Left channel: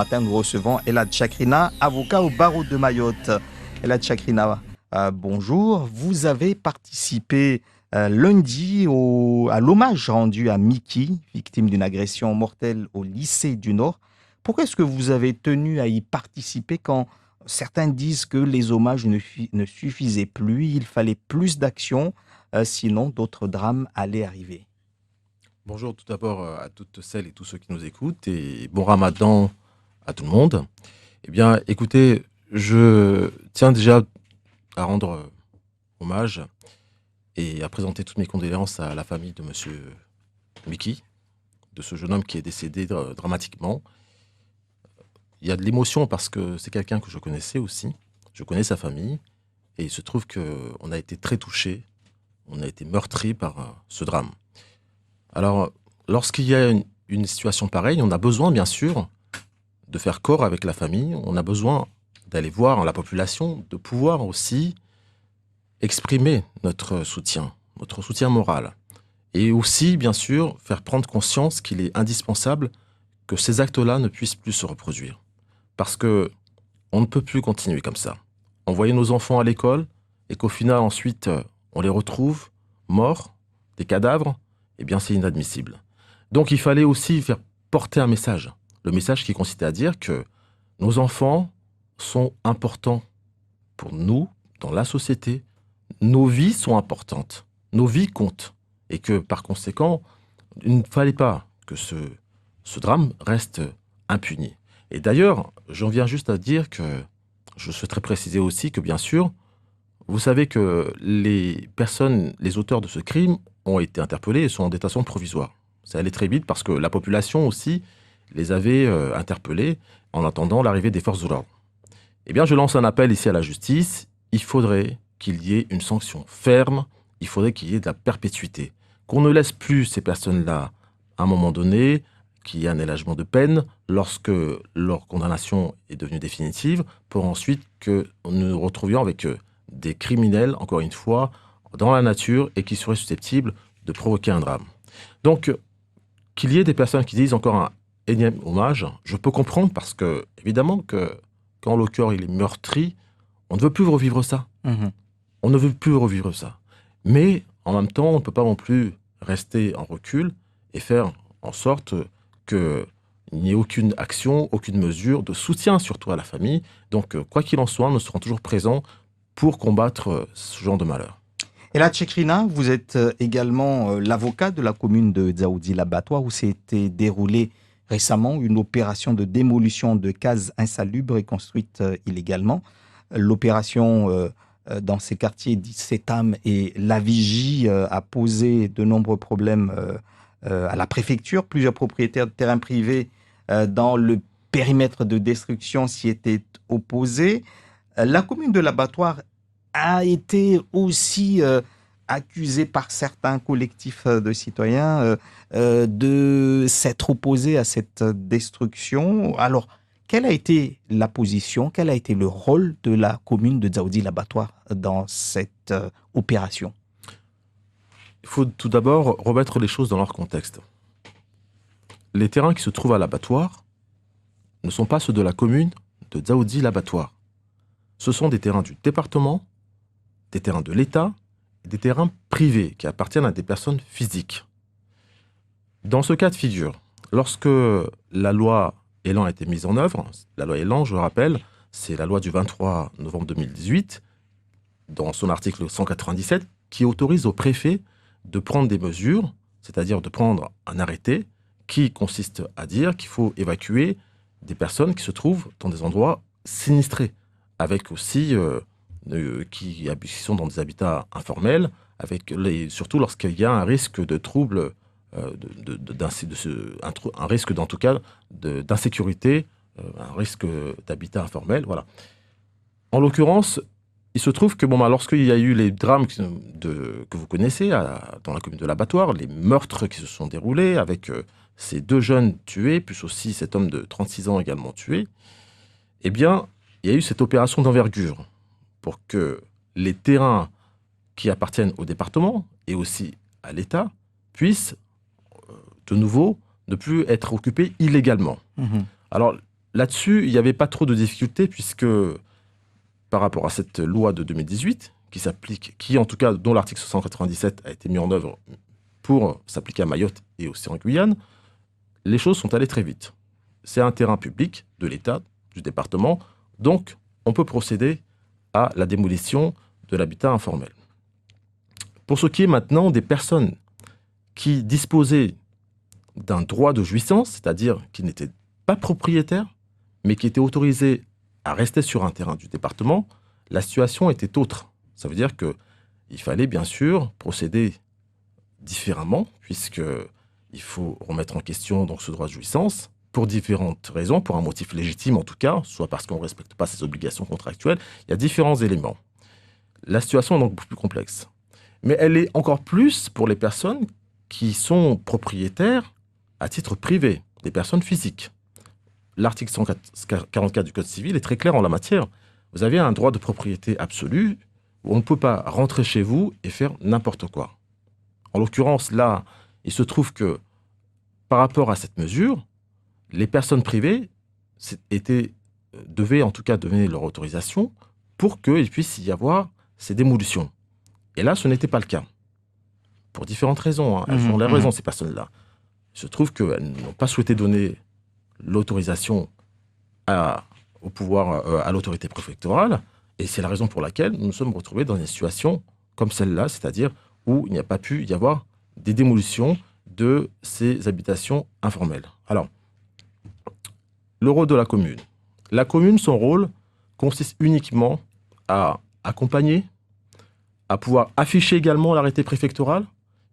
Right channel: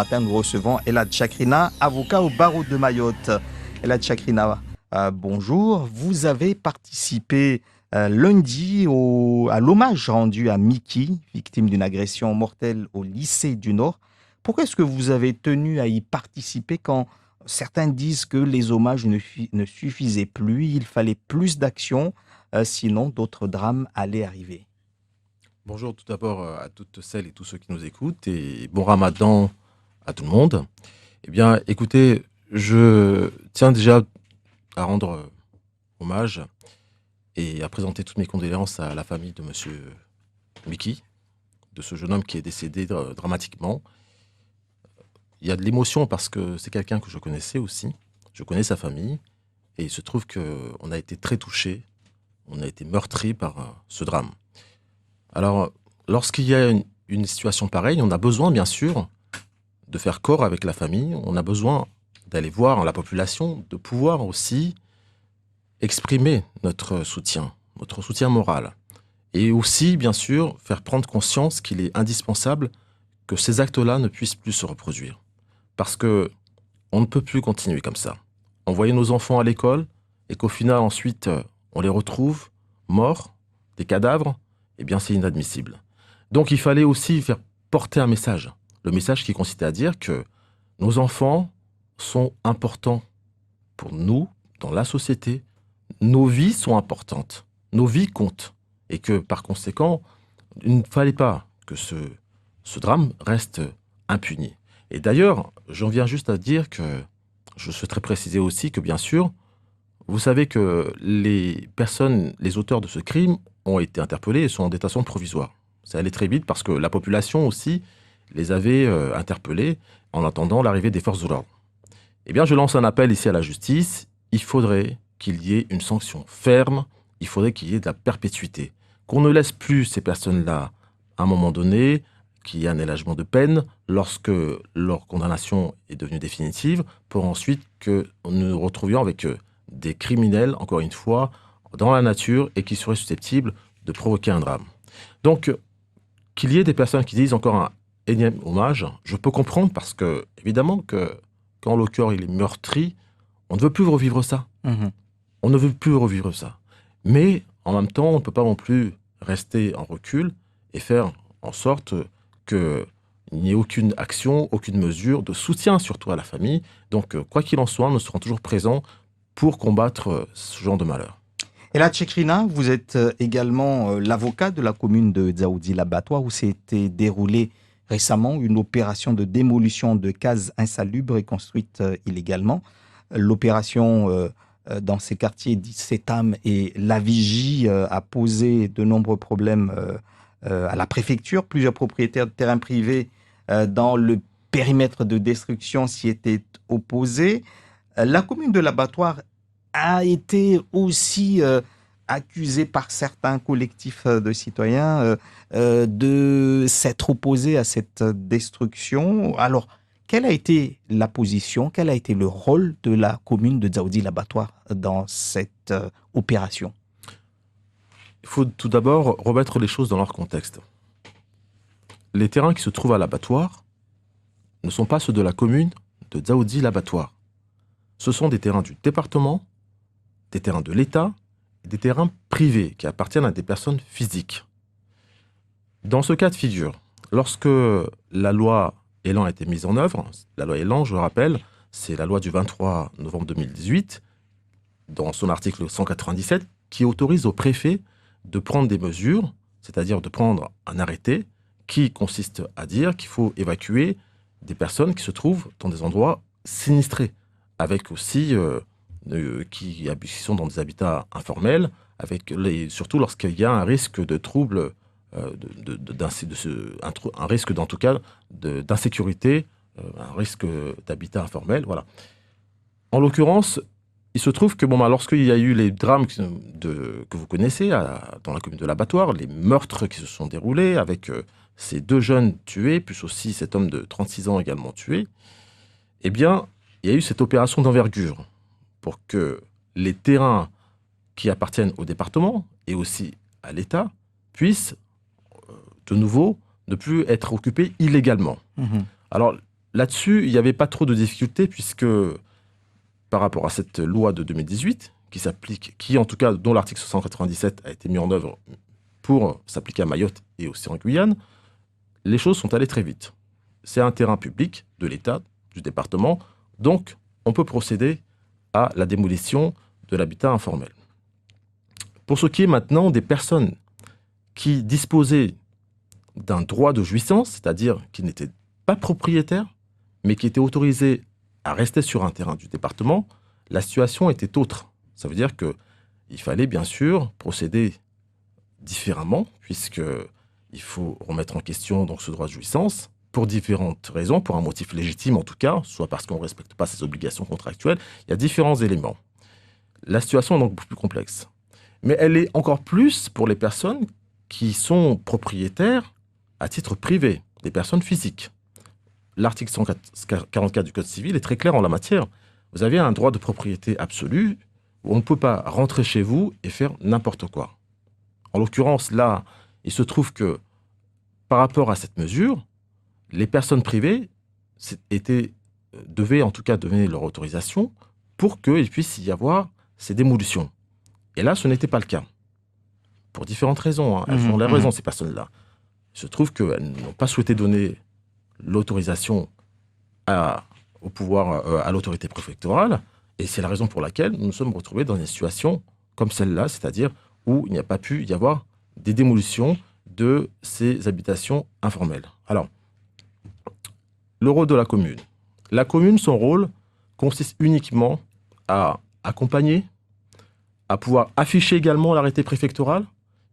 matin, nous recevons Elad Chakrina, avocat au barreau de Mayotte. Elad Chakrina, bonjour. Vous avez participé lundi à l'hommage rendu à Miki, victime d'une agression mortelle au lycée du Nord. Pourquoi est-ce que vous avez tenu à y participer quand certains disent que les hommages ne suffisaient plus, il fallait plus d'action, sinon d'autres drames allaient arriver? Bonjour tout d'abord à toutes celles et tous ceux qui nous écoutent et bon ramadan à tout le monde. Eh bien, écoutez, je tiens déjà à rendre hommage et à présenter toutes mes condoléances à la famille de monsieur Miki, de ce jeune homme qui est décédé dramatiquement. Il y a de l'émotion parce que c'est quelqu'un que je connaissais aussi. Je connais sa famille et il se trouve qu'on a été très touchés, on a été meurtris par ce drame. Alors, lorsqu'il y a une situation pareille, on a besoin, bien sûr, de faire corps avec la famille. On a besoin d'aller voir la population, de pouvoir aussi exprimer notre soutien moral. Et aussi, bien sûr, faire prendre conscience qu'il est indispensable que ces actes-là ne puissent plus se reproduire. Parce que on ne peut plus continuer comme ça. Envoyer nos enfants à l'école et qu'au final, ensuite, on les retrouve morts, des cadavres, eh bien, c'est inadmissible. Donc, il fallait aussi faire porter un message. Le message qui consistait à dire que nos enfants sont importants pour nous, dans la société. Nos vies sont importantes. Nos vies comptent. Et que, par conséquent, il ne fallait pas que ce drame reste impuni. Et d'ailleurs, j'en viens juste à dire que je souhaiterais préciser aussi que, bien sûr, vous savez que les auteurs de ce crime ont été interpellés et sont en détention provisoire. Ça allait très vite parce que la population aussi les avait interpellés en attendant l'arrivée des forces de l'ordre. Eh bien, je lance un appel ici à la justice. Il faudrait qu'il y ait une sanction ferme, il faudrait qu'il y ait de la perpétuité. Qu'on ne laisse plus ces personnes-là, à un moment donné, qu'il y ait un élagement de peine lorsque leur condamnation est devenue définitive, pour ensuite que nous nous retrouvions avec des criminels, encore une fois, dans la nature et qui seraient susceptibles de provoquer un drame. Donc, qu'il y ait des personnes qui disent encore un énième hommage, je peux comprendre parce que, évidemment, que quand le cœur il est meurtri, on ne veut plus revivre ça. On ne veut plus revivre ça. Mais, en même temps, on ne peut pas non plus rester en recul et faire en sorte qu'il n'y ait aucune action, aucune mesure de soutien, surtout à la famille. Donc, quoi qu'il en soit, nous serons toujours présents pour combattre ce genre de malheur. Elad Chakrina, vous êtes également l'avocat de la commune de Dzaoudi-l'Abattoir où s'était déroulée récemment une opération de démolition de cases insalubres et construites illégalement. L'opération dans ces quartiers d'Issetam et La Vigie a posé de nombreux problèmes à la préfecture. Plusieurs propriétaires de terrains privés dans le périmètre de destruction s'y étaient opposés. La commune de l'Abattoir a été aussi accusée par certains collectifs de citoyens de s'être opposés à cette destruction. Alors, quelle a été la position, quel a été le rôle de la commune de Dzaoudi-l'Abattoir dans cette opération? Il faut tout d'abord remettre les choses dans leur contexte. Les terrains qui se trouvent à l'abattoir ne sont pas ceux de la commune de Dzaoudi-l'Abattoir. Ce sont des terrains du département, des terrains de l'État et des terrains privés qui appartiennent à des personnes physiques. Dans ce cas de figure, lorsque la loi Elan a été mise en œuvre, la loi Elan, je le rappelle, c'est la loi du 23 novembre 2018, dans son article 197, qui autorise au préfet de prendre des mesures, c'est-à-dire de prendre un arrêté qui consiste à dire qu'il faut évacuer des personnes qui se trouvent dans des endroits sinistrés, avec aussi qui sont dans des habitats informels, surtout lorsqu'il y a un risque de trouble, un risque en tout cas d'insécurité, un risque d'habitat informel, voilà. En l'occurrence, il se trouve que lorsqu'il y a eu les drames que vous connaissez dans la commune de l'Abattoir, les meurtres qui se sont déroulés avec ces deux jeunes tués, plus aussi cet homme de 36 ans également tué, eh bien, il y a eu cette opération d'envergure pour que les terrains qui appartiennent au département et aussi à l'État puissent de nouveau ne plus être occupés illégalement. Alors, là-dessus, il n'y avait pas trop de difficultés puisque par rapport à cette loi de 2018 qui s'applique, qui en tout cas dont l'article 197 a été mis en œuvre pour s'appliquer à Mayotte et aussi en Guyane, les choses sont allées très vite. C'est un terrain public de l'État, du département, donc on peut procéder à la démolition de l'habitat informel. Pour ce qui est maintenant des personnes qui disposaient d'un droit de jouissance, c'est-à-dire qui n'étaient pas propriétaires, mais qui étaient autorisés à rester sur un terrain du département, la situation était autre. Ça veut dire qu'il fallait bien sûr procéder différemment, puisqu'il faut remettre en question donc, ce droit de jouissance, pour différentes raisons, pour un motif légitime en tout cas, soit parce qu'on ne respecte pas ses obligations contractuelles. Il y a différents éléments. La situation est donc beaucoup plus complexe. Mais elle est encore plus pour les personnes qui sont propriétaires à titre privé, des personnes physiques. L'article 144 du Code civil est très clair en la matière. Vous avez un droit de propriété absolu où on ne peut pas rentrer chez vous et faire n'importe quoi. En l'occurrence, là, il se trouve que par rapport à cette mesure, les personnes privées devaient en tout cas donner leur autorisation pour qu'il puisse y avoir ces démolitions. Et là, ce n'était pas le cas. Pour différentes raisons. Hein. Elles ont la raison, ces personnes-là. Il se trouve qu'elles n'ont pas souhaité donner l'autorisation au pouvoir, à l'autorité préfectorale. Et c'est la raison pour laquelle nous nous sommes retrouvés dans une situation comme celle-là, c'est-à-dire où il n'y a pas pu y avoir des démolitions de ces habitations informelles. Alors, le rôle de la commune. La commune, son rôle consiste uniquement à accompagner, à pouvoir afficher également l'arrêté préfectoral,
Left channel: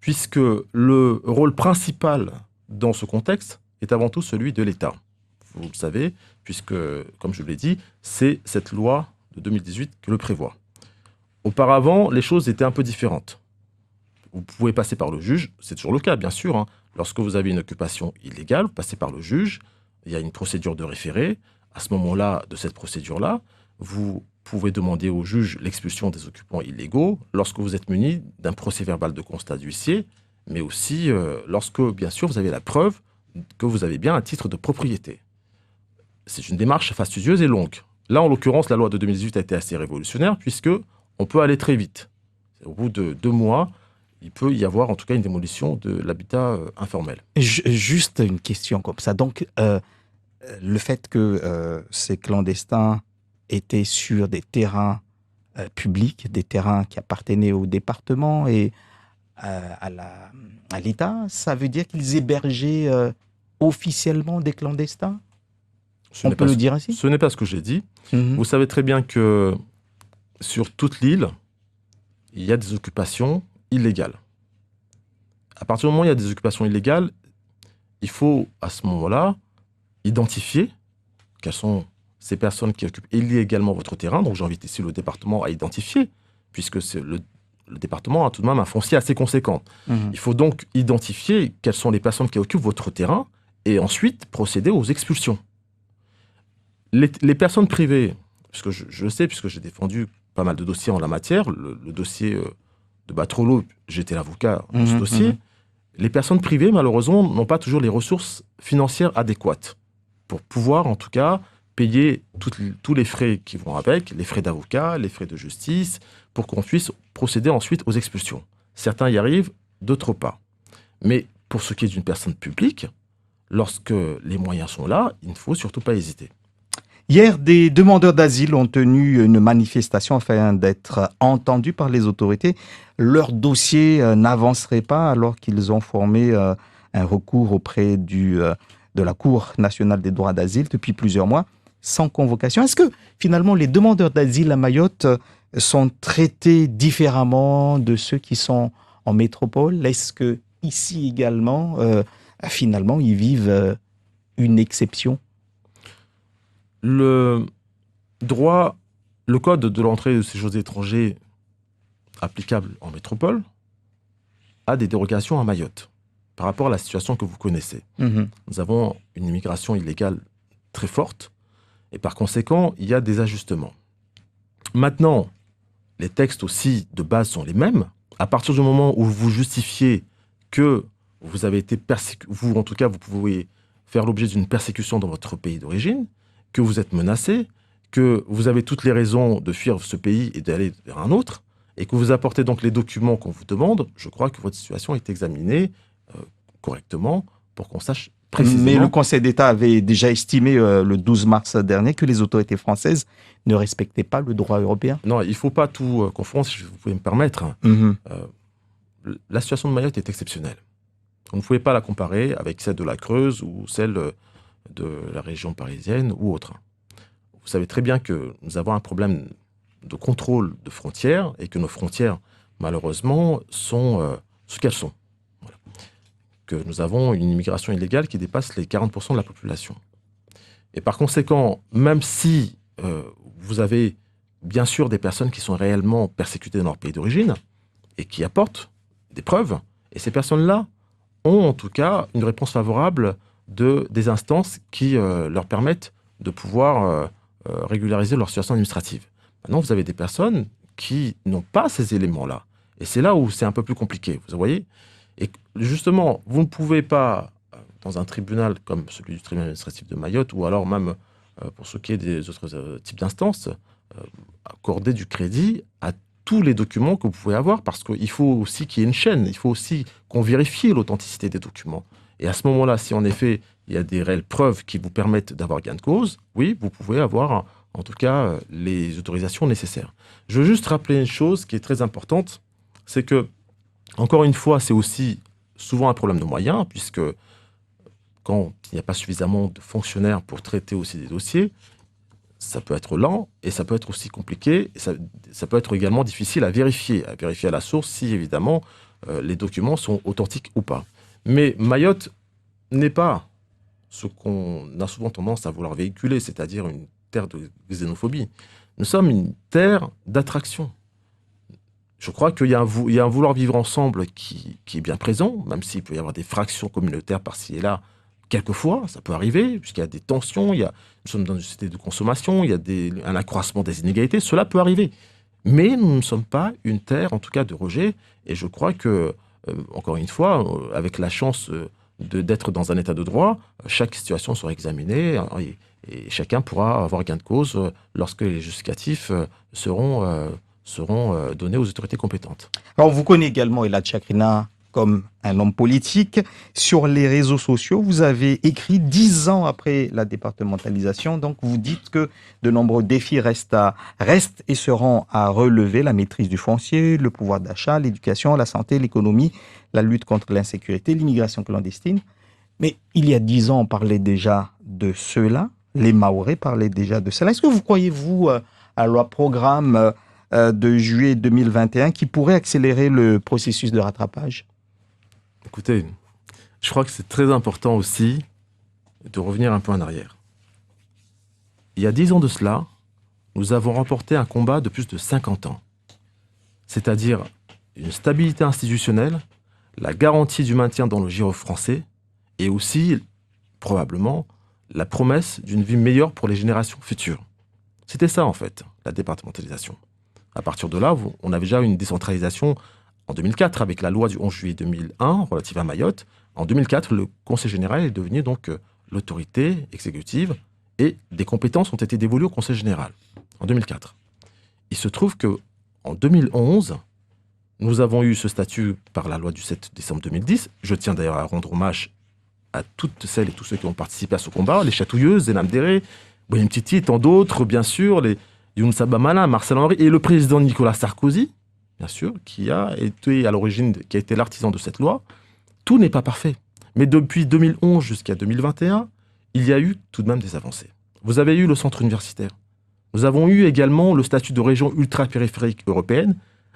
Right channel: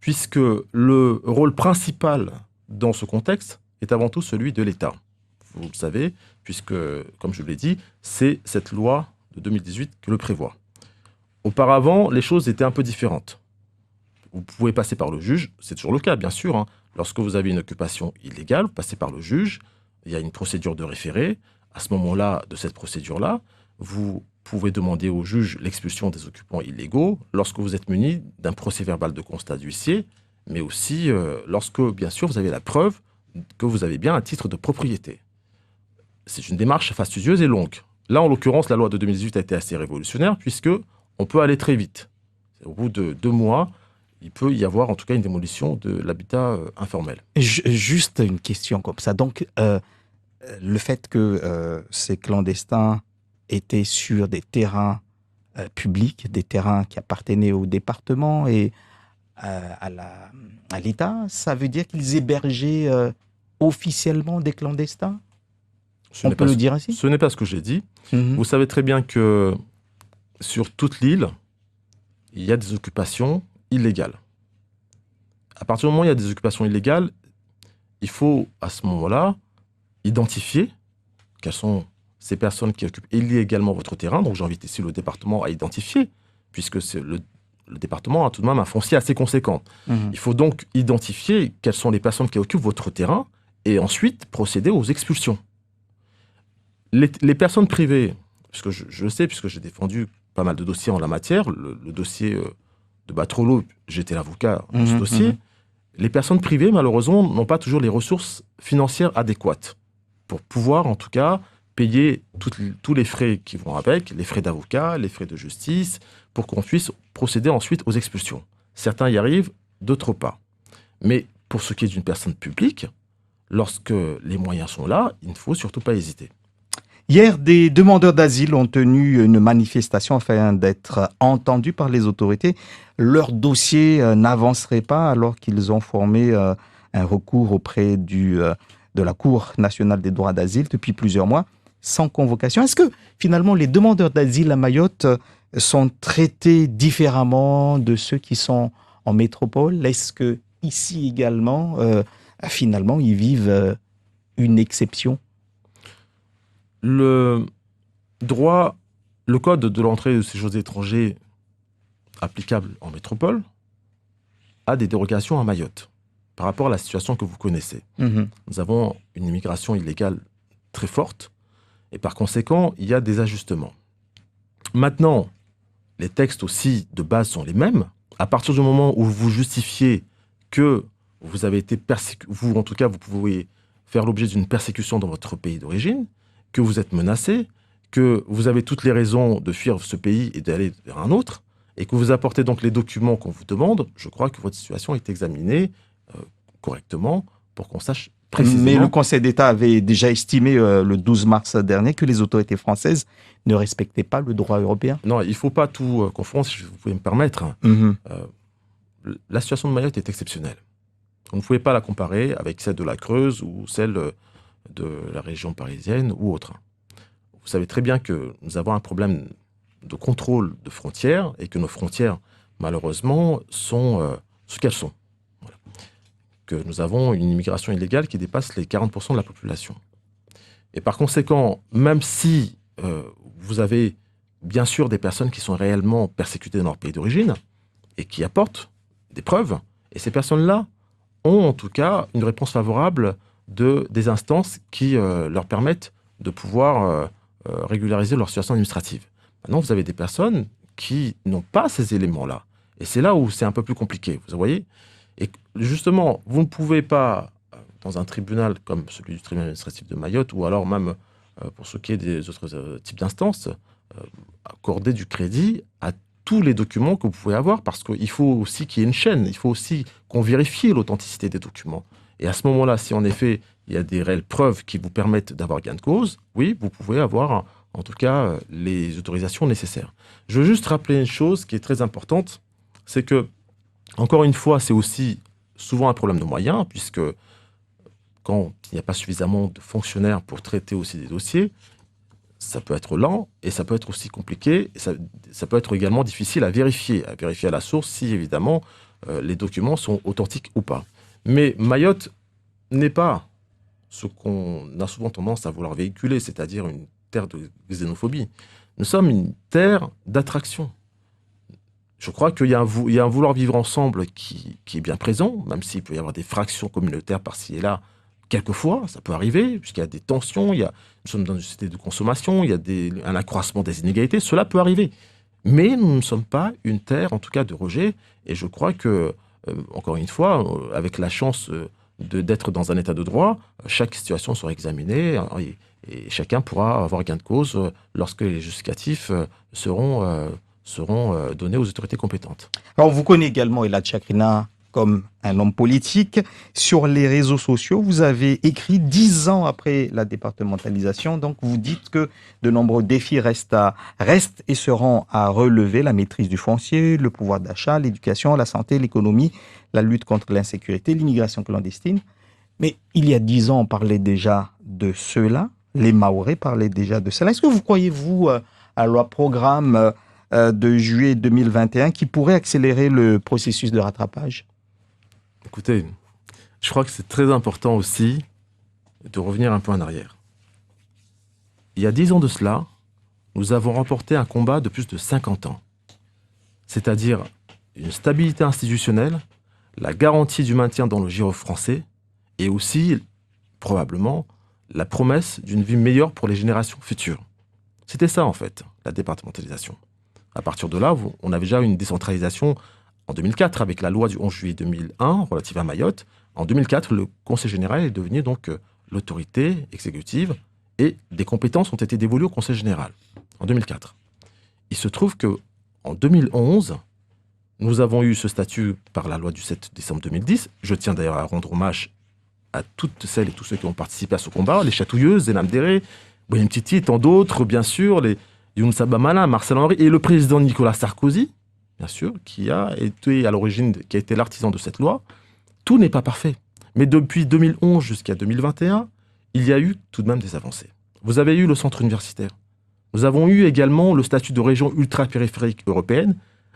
puisque le rôle principal dans ce contexte est avant tout celui de l'État. Vous le savez, puisque, comme je l'ai dit, c'est cette loi de 2018 qui le prévoit. Auparavant, les choses étaient un peu différentes. Vous pouvez passer par le juge, c'est toujours le cas, bien sûr. Hein. Lorsque vous avez une occupation illégale, vous passez par le juge, il y a une procédure de référé. À ce moment-là, de cette procédure-là, vous pouvez demander au juge l'expulsion des occupants illégaux lorsque vous êtes muni d'un procès-verbal de constat d'huissier, mais aussi lorsque, bien sûr, vous avez la preuve que vous avez bien un titre de propriété. C'est une démarche fastidieuse et longue. Là, en l'occurrence, la loi de 2018 a été assez révolutionnaire puisque on peut aller très vite. Au bout de 2 mois, il peut y avoir en tout cas une démolition de l'habitat informel. Juste une question comme ça. Donc, le fait que ces clandestins étaient sur des terrains publics, des terrains qui appartenaient au département et à l'État, ça veut dire qu'ils hébergeaient officiellement des clandestins? On peut le dire ainsi? Ce n'est pas ce que j'ai dit. Vous savez très bien que sur toute l'île, il y a des occupations illégales. À partir du moment où il y a des occupations illégales, il faut à ce moment-là identifier quelles sont ces personnes qui occupent illégalement votre terrain. Donc j'invite ici le département à identifier, puisque le département a tout de même un foncier assez conséquent. Il faut donc identifier quelles sont les personnes qui occupent votre terrain et ensuite procéder aux expulsions. Les personnes privées, parce que je le sais, puisque j'ai défendu pas mal de dossiers en la matière, le dossier de Batrolo, j'étais l'avocat de ce dossier, les personnes privées, malheureusement, n'ont pas toujours les ressources financières adéquates pour pouvoir, en tout cas, payer tous les frais qui vont avec, les frais d'avocat, les frais de justice, pour qu'on puisse procéder ensuite aux expulsions. Certains y arrivent, d'autres pas. Mais pour ce qui est d'une personne publique, lorsque les moyens sont là, il ne faut surtout pas hésiter. Hier, des demandeurs d'asile ont tenu une manifestation afin d'être entendus par les autorités. Leur dossier n'avancerait pas alors qu'ils ont formé un recours auprès de la Cour nationale des droits d'asile depuis plusieurs mois, sans convocation. Est-ce que finalement les demandeurs d'asile à Mayotte sont traités différemment de ceux qui sont en métropole? Est-ce que ici également, finalement, ils vivent une exception? Le code de l'entrée et du séjour étrangers applicable en métropole a des dérogations à Mayotte par rapport à la situation que vous connaissez. Nous avons une immigration illégale très forte et par conséquent, il y a des ajustements. Maintenant, les textes aussi de base sont les mêmes. À partir du moment où vous justifiez que vous avez été persécuté, vous en tout cas, vous pouvez faire l'objet d'une persécution dans votre pays d'origine, que vous êtes menacé, que vous avez toutes les raisons de fuir ce pays et d'aller vers un autre, et que vous apportez donc les documents qu'on vous demande, je crois que votre situation est examinée correctement pour qu'on sache précisément. Mais le Conseil d'État avait déjà estimé le 12 mars dernier que les autorités françaises ne respectaient pas le droit européen. Non, il ne faut pas tout confondre, si vous pouvez me permettre. La situation de Mayotte est exceptionnelle. Vous ne pouvez pas la comparer avec celle de la Creuse ou celle de la région parisienne ou autre. Vous savez très bien que nous avons un problème de contrôle de frontières et que nos frontières, malheureusement, sont ce qu'elles sont. Voilà. Que nous avons une immigration illégale qui dépasse les 40% de la population. Et par conséquent, même si vous avez bien sûr des personnes qui sont réellement persécutées dans leur pays d'origine et qui apportent des preuves, et ces personnes-là ont en tout cas une réponse favorable des instances qui leur permettent de pouvoir régulariser leur situation administrative. Maintenant, vous avez des personnes qui n'ont pas ces éléments-là. Et c'est là où c'est un peu plus compliqué, vous voyez. Et justement, vous ne pouvez pas, dans un tribunal comme celui du tribunal administratif de Mayotte, ou alors même pour ce qui est des autres types d'instances, accorder du crédit à tous les documents que vous pouvez avoir, parce qu'il faut aussi qu'il y ait une chaîne, il faut aussi qu'on vérifie l'authenticité des documents. Et à ce moment-là, si en effet, il y a des réelles preuves qui vous permettent d'avoir gain de cause, oui, vous pouvez avoir en tout cas les autorisations nécessaires. Je veux juste rappeler une chose qui est très importante, c'est que, encore une fois, c'est aussi souvent un problème de moyens, puisque quand il n'y a pas suffisamment de fonctionnaires pour traiter aussi des dossiers, ça peut être lent et ça peut être aussi compliqué, et ça peut être également difficile à vérifier à la source si évidemment les documents sont authentiques ou pas. Mais Mayotte n'est pas ce qu'on a souvent tendance à vouloir véhiculer, c'est-à-dire une terre de xénophobie. Nous sommes une terre d'attraction. Je crois qu'il y a un vouloir vivre ensemble qui est bien présent, même s'il peut y avoir des fractions communautaires par-ci et là. Quelquefois, ça peut arriver, puisqu'il y a des tensions, nous sommes dans une société de consommation, il y a un accroissement des inégalités, cela peut arriver. Mais nous ne sommes pas une terre, en tout cas, de rejet. Et je crois que, encore une fois, avec la chance d'être dans un état de droit, chaque situation sera examinée et chacun pourra avoir gain de cause lorsque les justificatifs seront donnés aux autorités compétentes. Alors, vous connaissez également Elad Chakrina comme un homme politique. Sur les réseaux sociaux, vous avez écrit 10 ans après la départementalisation. Donc, vous dites que de nombreux défis restent et seront à relever: la maîtrise du foncier, le pouvoir d'achat, l'éducation, la santé, l'économie, la lutte contre l'insécurité, l'immigration clandestine. Mais il y a 10 ans, on parlait déjà de cela. Les Mahorais parlaient déjà de cela. Est-ce que vous croyez, vous, à la programme de juillet 2021 qui pourrait accélérer le processus de rattrapage? Écoutez, je crois que c'est très important aussi de revenir un peu en arrière. Il y a 10 ans de cela, nous avons remporté un combat de plus de 50 ans. C'est-à-dire une stabilité institutionnelle, la garantie du maintien dans le giron français et aussi, probablement, la promesse d'une vie meilleure pour les générations futures. C'était ça, en fait, la départementalisation. À partir de là, on avait déjà une décentralisation en 2004 avec la loi du 11 juillet 2001 relative à Mayotte. En 2004, le Conseil général est devenu donc l'autorité exécutive et des compétences ont été dévolues au Conseil général en 2004. Il se trouve que en 2011, nous avons eu ce statut par la loi du 7 décembre 2010. Je tiens d'ailleurs à rendre hommage à toutes celles et tous ceux qui ont participé à ce combat, les Chatouilleuses, Zenam Déré, William Titi, tant d'autres, bien sûr, les Younoussa Bamana, Marcel Henry et le président Nicolas Sarkozy, bien sûr, qui a été à l'origine, qui a été l'artisan de cette loi. Tout n'est pas parfait. Mais depuis 2011 jusqu'à 2021, il y a eu tout de même des avancées. Vous avez eu le centre universitaire. Nous avons eu également le statut de région ultra-périphérique européenne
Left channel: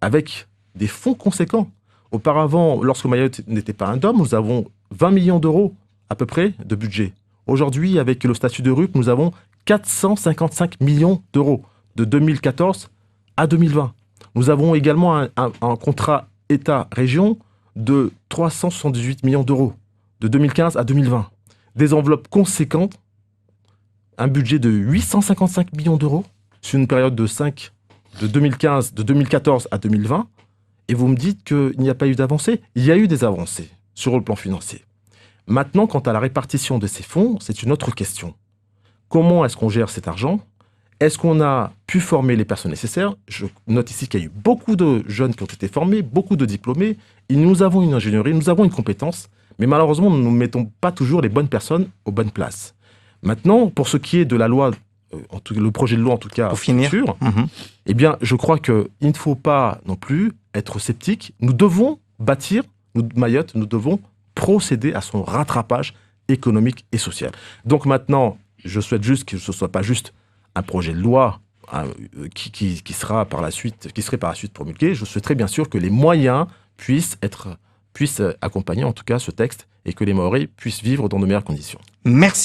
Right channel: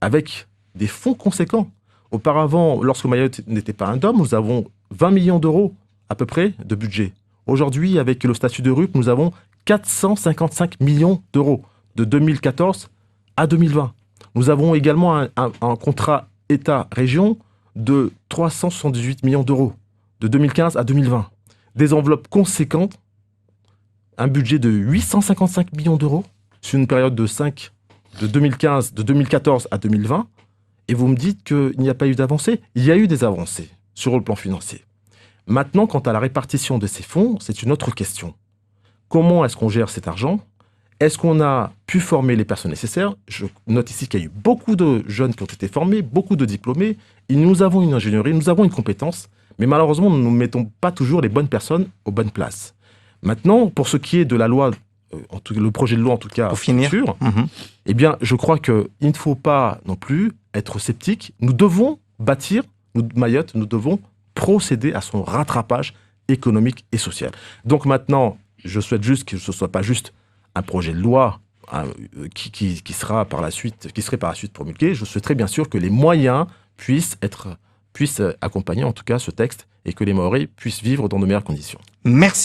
avec des fonds conséquents. Auparavant, lorsque Mayotte n'était pas un DOM, nous avons 20 millions d'euros à peu près de budget. Aujourd'hui, avec le statut de RUP, nous avons 455 millions d'euros de 2014 à 2020. Nous avons également un contrat État-région de 378 millions d'euros de 2015 à 2020. Des enveloppes conséquentes, un budget de 855 millions d'euros sur une période de 2014 à 2020. Et vous me dites qu'il n'y a pas eu d'avancée. Il y a eu des avancées sur le plan financier. Maintenant, quant à la répartition de ces fonds, c'est une autre question. comment est-ce qu'on gère cet argent? Est-ce qu'on a pu former les personnes nécessaires? Je note ici qu'il y a eu beaucoup de jeunes qui ont été formés, beaucoup de diplômés, et nous avons une ingénierie, nous avons une compétence, mais malheureusement, nous ne mettons pas toujours les bonnes personnes aux bonnes places. Maintenant, pour ce qui est de la loi, le projet de loi en tout cas, Pour finir. futur, eh bien, je crois qu'il ne faut pas non plus être sceptique. Nous devons bâtir, Mayotte, nous devons procéder à son rattrapage économique et social. Donc maintenant, je souhaite juste que ce ne soit pas juste un projet de loi qui serait par la suite promulgué. Je souhaiterais bien sûr que les moyens puissent accompagner en tout cas ce texte et que les Mahorais puissent vivre dans de meilleures conditions. Merci.